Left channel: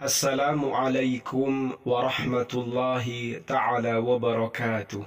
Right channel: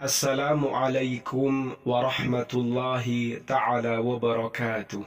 Assalamualaikum warahmatullahi ta'ala wabarakatuh.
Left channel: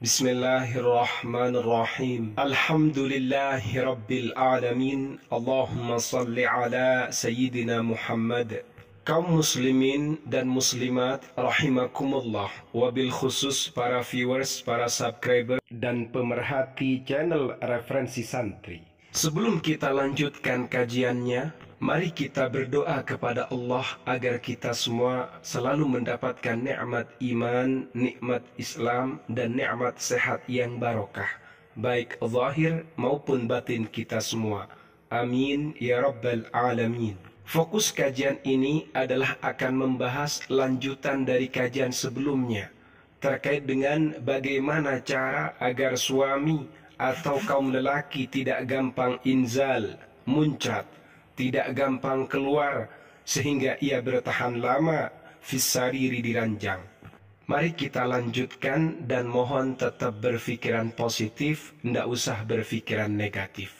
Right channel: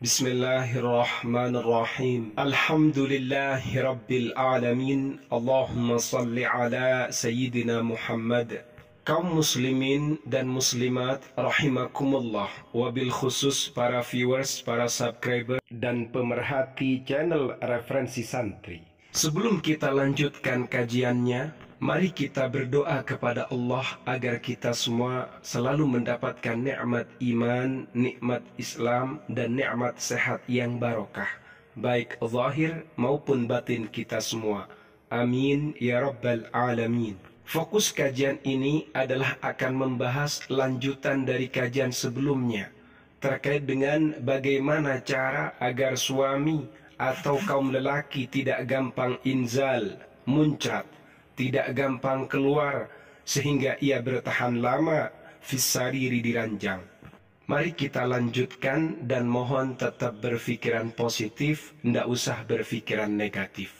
Bismillahirrahmanirrahim. Alhamdulillahi rabbil alamin. Allahumma salli ala Sayyidina Muhammad. Kaum muslimin dan muslimat rahimakumullah. Wabil khusus para viewers, para subscriber dan pemerhati channel Referensi Santri. Sebelum kita lanjutkan kajiannya, mari kita berdoa kepada Allah agar kita semua selalu mendapatkan nikmat iman, nikmat Islam, dan nikmat sehat yang barokah, baik zahir maupun batin kita semua. Amin ya rabbal alamin. Fokus kajian ini adalah akan membahas lanjutan dari kajian sebelumnya terkait dengan bagaimana cara agar suami atau kaum lelaki tidak gampang inzal, muncrat, tidak gampang keluar sehingga ia bertahan lama fisariri di ranjang. Mari kita lanjutkan dan mohon tetap berpikiran positif, tidak usah berpikiran negatif.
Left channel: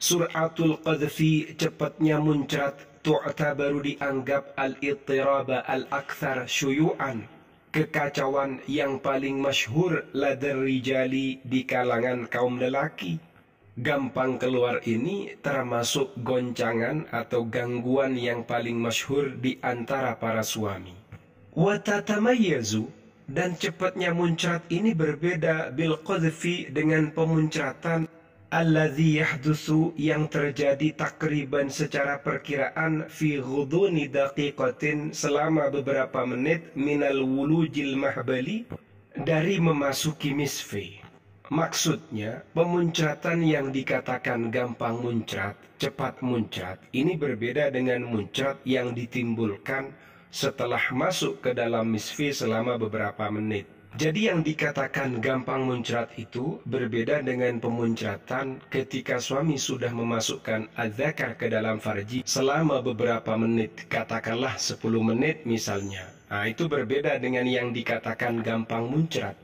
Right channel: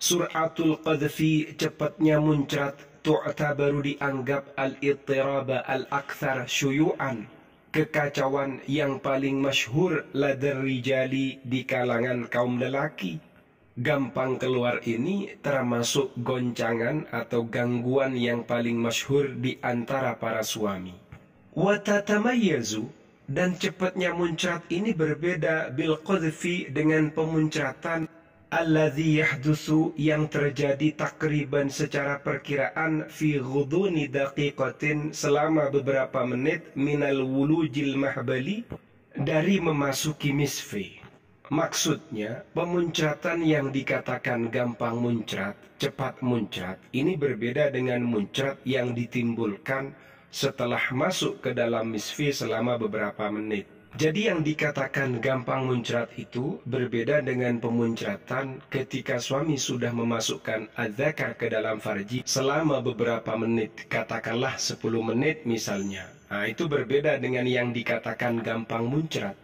Suratul qadfi, cepatnya muncrat, tu'tabaru dianggap al-ittiraba al-akthar syuyu'an, kekacauan yang paling masyhur ladar rijali di kalangan kaum lelaki. Gampang keluar ini termasuk goncangan atau gangguan yang paling masyhur di antara para suami. Wa tatamayyazu, dan cepatnya muncrat ini berbeda bil qadfi dengan pemuncratan alladzi yahdutsu yang terjadi takriban secara perkiraan fi ghuduni daqiqatin selama beberapa menit minal wulujil mahbali, dari memasuki misfi. Maksudnya, pemuncratan yang dikatakan gampang muncrat, cepat muncrat, ini berbeda dengan muncrat yang ditimbulkan setelah masuk ke dalam misfi selama beberapa menit. Jadi yang dikatakan gampang muncrat itu berbeda dengan pemuncratan ketika suami sudah memasukkan adzakar ke dalam farji selama beberapa menit, katakanlah 10 menit misalnya. Nah, itu berbeda dengan yang dikatakan gampang muncrat.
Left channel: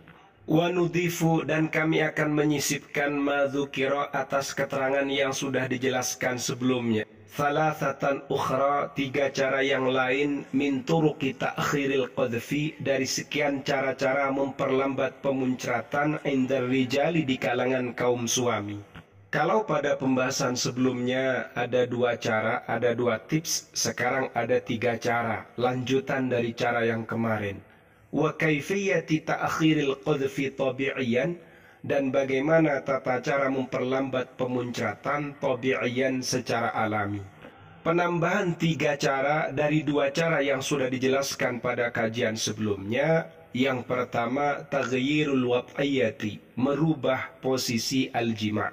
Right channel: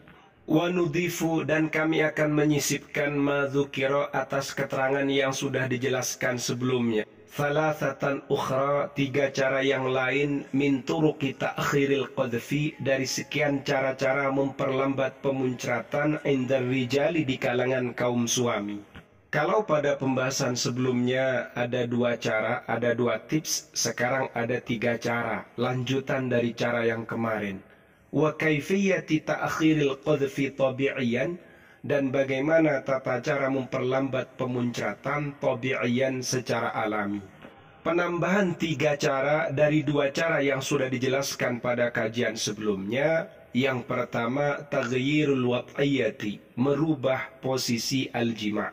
Wa nudhifu, dan kami akan menyisipkan madzukira atas keterangan yang sudah dijelaskan sebelumnya. Thalathatan ukhra, 3 cara yang lain, min turuqi ta'khiril qadfi, dari sekian cara-cara memperlambat pemuncratan indar rijali di kalangan kaum suami. Kalau pada pembahasan sebelumnya ada 2 cara, ada 2 tips, sekarang ada 3 cara, lanjutan dari cara yang kemarin. Wa kaifiyati ta'khiril qadfi tabi'iyan, dan bagaimana tata cara memperlambat pemuncratan tabi'iyan secara alami. Penambahan 3 cara dari 2 cara yang sudah dijelaskan pada kajian sebelumnya. Yang pertama, taghyirul wat'iyati, merubah posisi al-jima'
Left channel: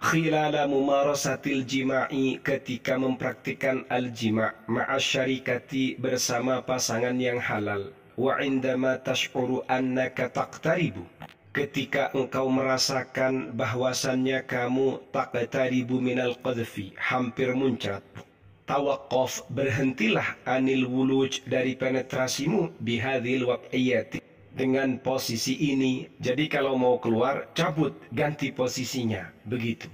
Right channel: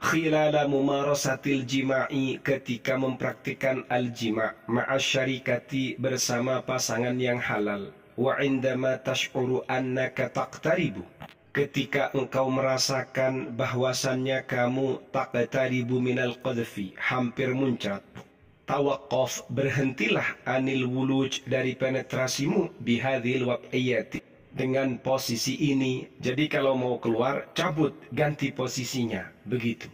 khilala mumarasatil jima'i, ketika mempraktikkan al-jima' ma'asyarikati, bersama pasangan yang halal. Wa indama tash'uru annaka taqtaribu, ketika engkau merasakan bahwasannya kamu taqtaribu minal qadfi, hampir muncrat. Tawaqqaf, berhentilah anil wuluj, dari penetrasimu, bihadhil wat'iyati, dengan posisi ini. Jadi kalau mau keluar, cabut, ganti posisinya, begitu.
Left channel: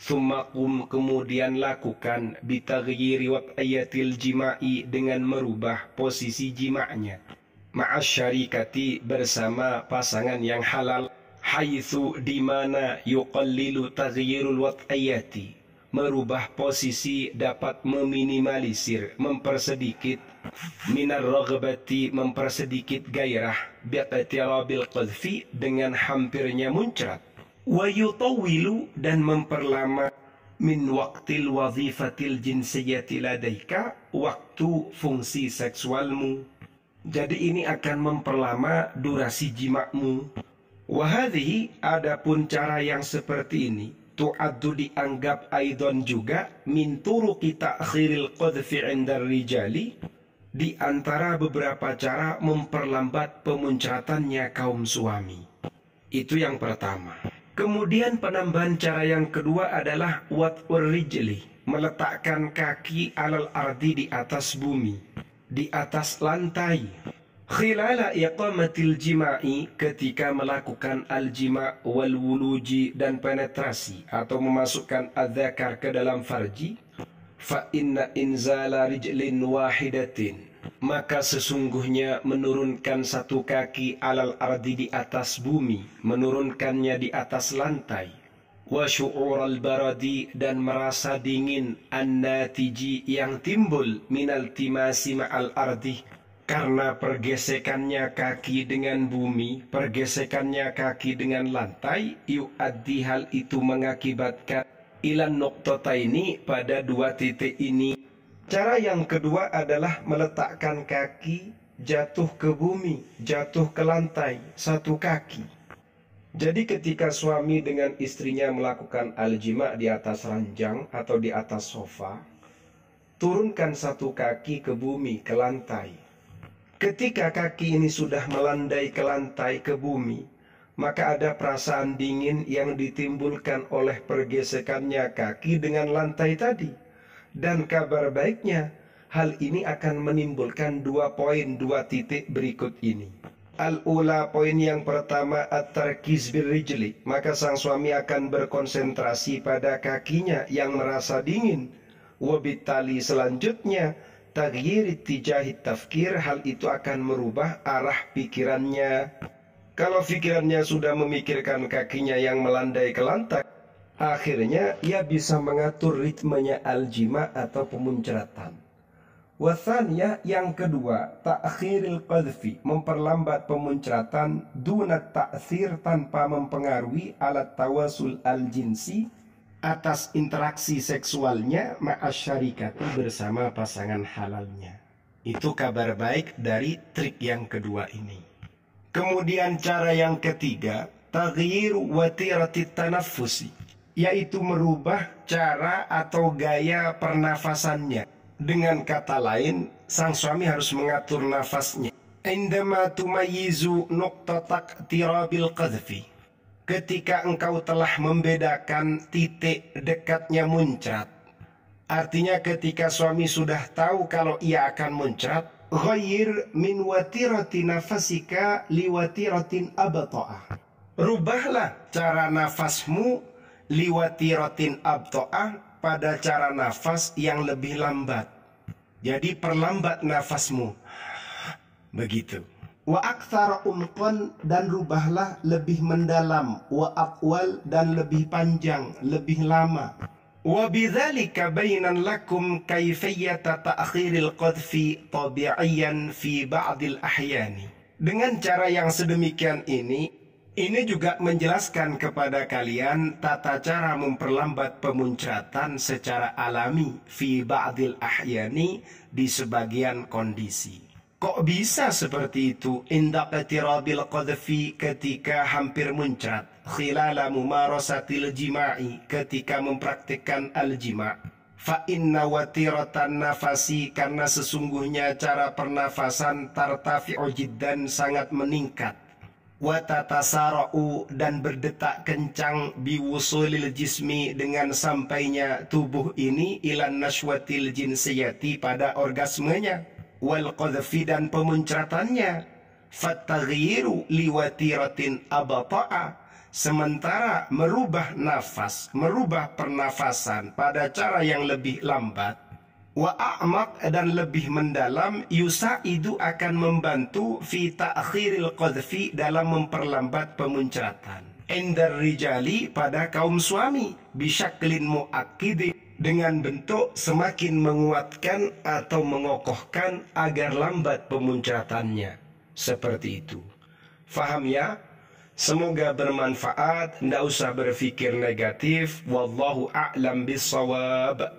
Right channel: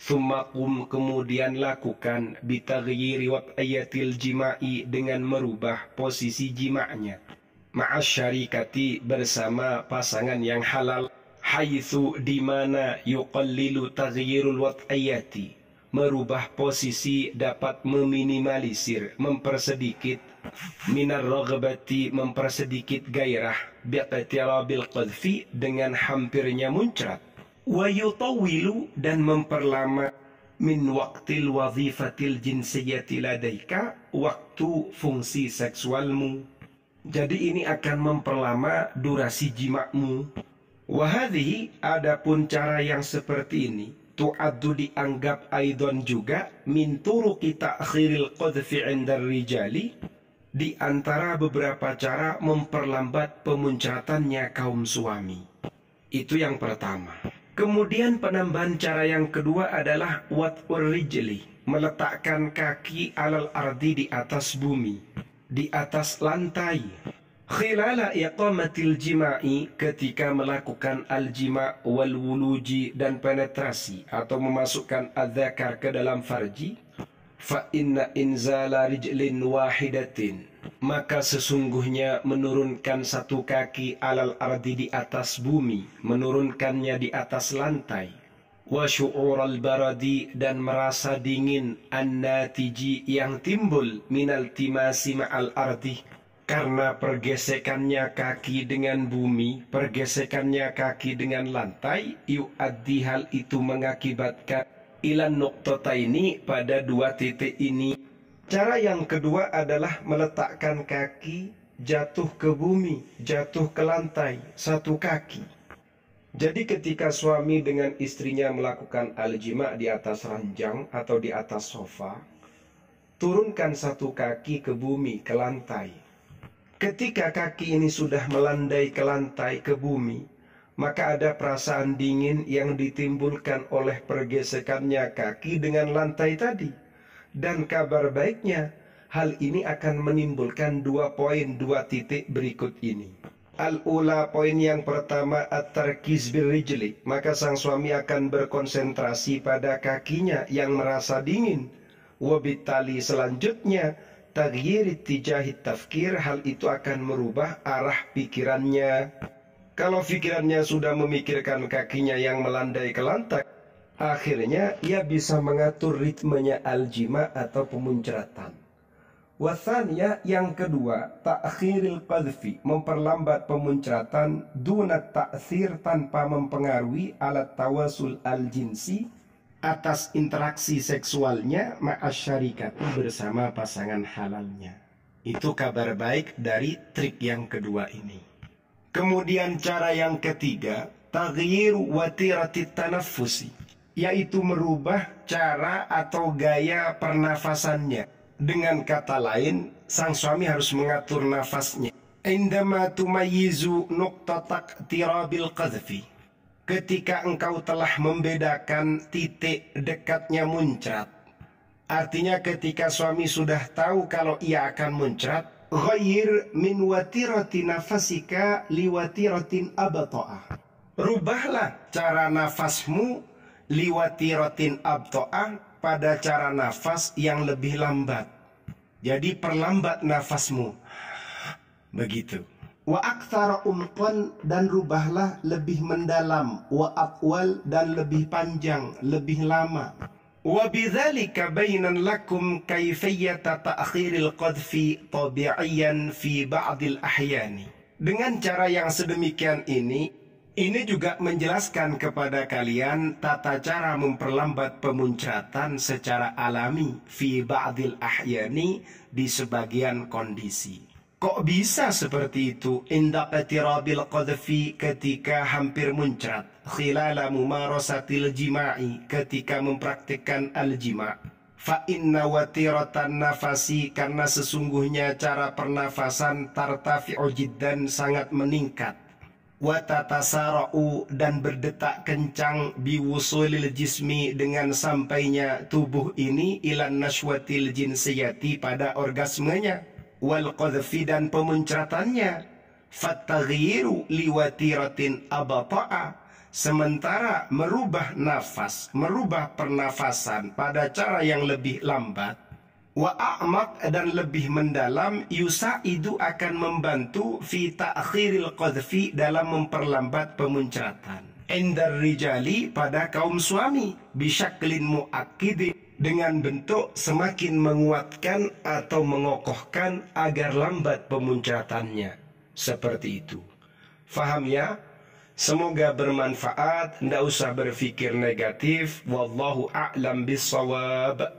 Thumma qum, kemudian lakukan bitaghyiri wat'iyatil jima'i, dengan merubah posisi jima'nya ma'asyarikati, bersama pasangan yang halal. Haitsu, dimana yuqallilu taghyirul wat'iyati, merubah posisi dapat meminimalisir, mempersedikit, minar raghbati, mempersedikit gairah, biqtirabil qadfi, dengan hampirnya muncrat. Wa yutawwilu, dan memperlama, min waqtil wazifatil jinsiyati ladaika, waktu fungsi seksualmu. Jadi ini akan memperlama durasi jimakmu. Wahadhihi, adapun cara yang seperti ini, tu'addu, dianggap aidon juga, min turuqi ta'khiril qadfi 'indar rijali, di antara beberapa cara memperlambat pemuncratannya kaum suami. Itu yang pertama. Kemudian penambahan cara yang kedua adalah wat'ur rijli, meletakkan kaki alal ardi, di atas bumi, di atas lantai. Khilala iqamatil jima'i, ketika melakukan al-jima' wal wuluji, dan penetrasi atau memasukkan adzakar ke dalam farji. Fa inna inzala rijlin wahidatin, maka sesungguhnya menurunkan satu kaki alal ardi di atas bumi, menurunkannya di atas lantai. Wa syu'ural baradi, dan merasa dingin, an-natiji, yang timbul minal timasi ma'al ardi, karena pergesekannya kaki dengan bumi, pergesekannya kaki dengan lantai, yu'addi, hal itu mengakibatkan ilan nuqtataini, pada dua titik ini. Cara yang kedua adalah meletakkan kaki jatuh ke bumi, jatuh ke lantai, satu kaki. Jadi ketika suami dengan istrinya melakukan al-jima' di atas ranjang atau di atas sofa, turunkan satu kaki ke bumi, ke lantai. Ketika kaki ini sudah melandai ke lantai, ke bumi, maka ada perasaan dingin yang ditimbulkan oleh pergesekannya kaki dengan lantai tadi. Dan kabar baiknya, hal ini akan menimbulkan 2 poin, 2 titik berikut ini. Al-ula, poin yang pertama, at-tarkiz birrijli, maka sang suami akan berkonsentrasi pada kakinya yang merasa dingin. Wabitali, selanjutnya, taghyir tijahit tafkir, hal itu akan merubah arah pikirannya. Kalau pikirannya sudah memikirkan kakinya yang melandai ke lantai, akhirnya ia bisa mengatur ritmenya al-jima' atau pemuncratan. Wathaniyah, yang kedua, ta'khiril qadhfi, memperlambat pemuncratan, dunat ta'thir, tanpa mempengaruhi alat tawasul al-jinsi, atas interaksi seksualnya ma'asyarikati, bersama pasangan halalnya. Itu kabar baik dari trik yang kedua ini. Kemudian cara yang ketiga, taghyiru watiratit tanaffusi, yaitu merubah cara atau gaya pernafasannya. Dengan kata lain, sang suami harus mengatur nafasnya. Indama tumayyizu nuqtatak tirabil qadhfi, ketika engkau telah membedakan titik dekatnya muncrat. Artinya ketika suami sudah tahu kalau ia akan muncrat, ghayyir min watirati nafasika liwatiratin abta'a, rubahlah cara nafasmu liwatiratin abto'ah, pada cara nafas yang lebih lambat. Jadi perlambat nafasmu. Begitu. Wa aktsara umqan, dan rubahlah lebih mendalam. Wa atwal, dan lebih panjang, lebih lama. Wa bidzalika bainan lakum kaifiyyata ta'khiril qadhfi tabi'iyan fi ba'dil ahyani. Dengan cara yang sedemikian ini juga menjelaskan kepada kalian tata cara memperlambat pemuncratan secara alami fi ba'dil ahyani, di sebagian kondisi. Kok bisa seperti itu? Inda qatirabil qadhfi, ketika hampir muncrat, khilala mumarasatil jima'i, ketika mempraktikkan al-jima'. Fa inna watiratan nafasi, karena sesungguhnya cara pernafasan tartafi'u jiddan, sangat meningkat. Watatasara'u, dan berdetak kencang, biwusulil jismi, dengan sampainya tubuh ini ilan nashwatil jinsiyati, pada orgasmenya, wal qadhfi, dan pemuncratannya. Fattaghyiru liwatiratin abata'a, sementara merubah nafas, merubah pernafasan pada cara yang lebih lambat, wa a'maq, dan lebih mendalam, yusaidu, akan membantu fi ta'khiril qadhfi, dalam memperlambat pemuncratan. Indar rijali, pada kaum suami, bisyaklin mu'akkid, dengan bentuk semakin menguatkan atau mengokohkan agar lambat pemuncratannya. Seperti itu. Faham ya? Semoga bermanfaat. Tidak usah berpikir negatif. Wallahu a'lam bissawab.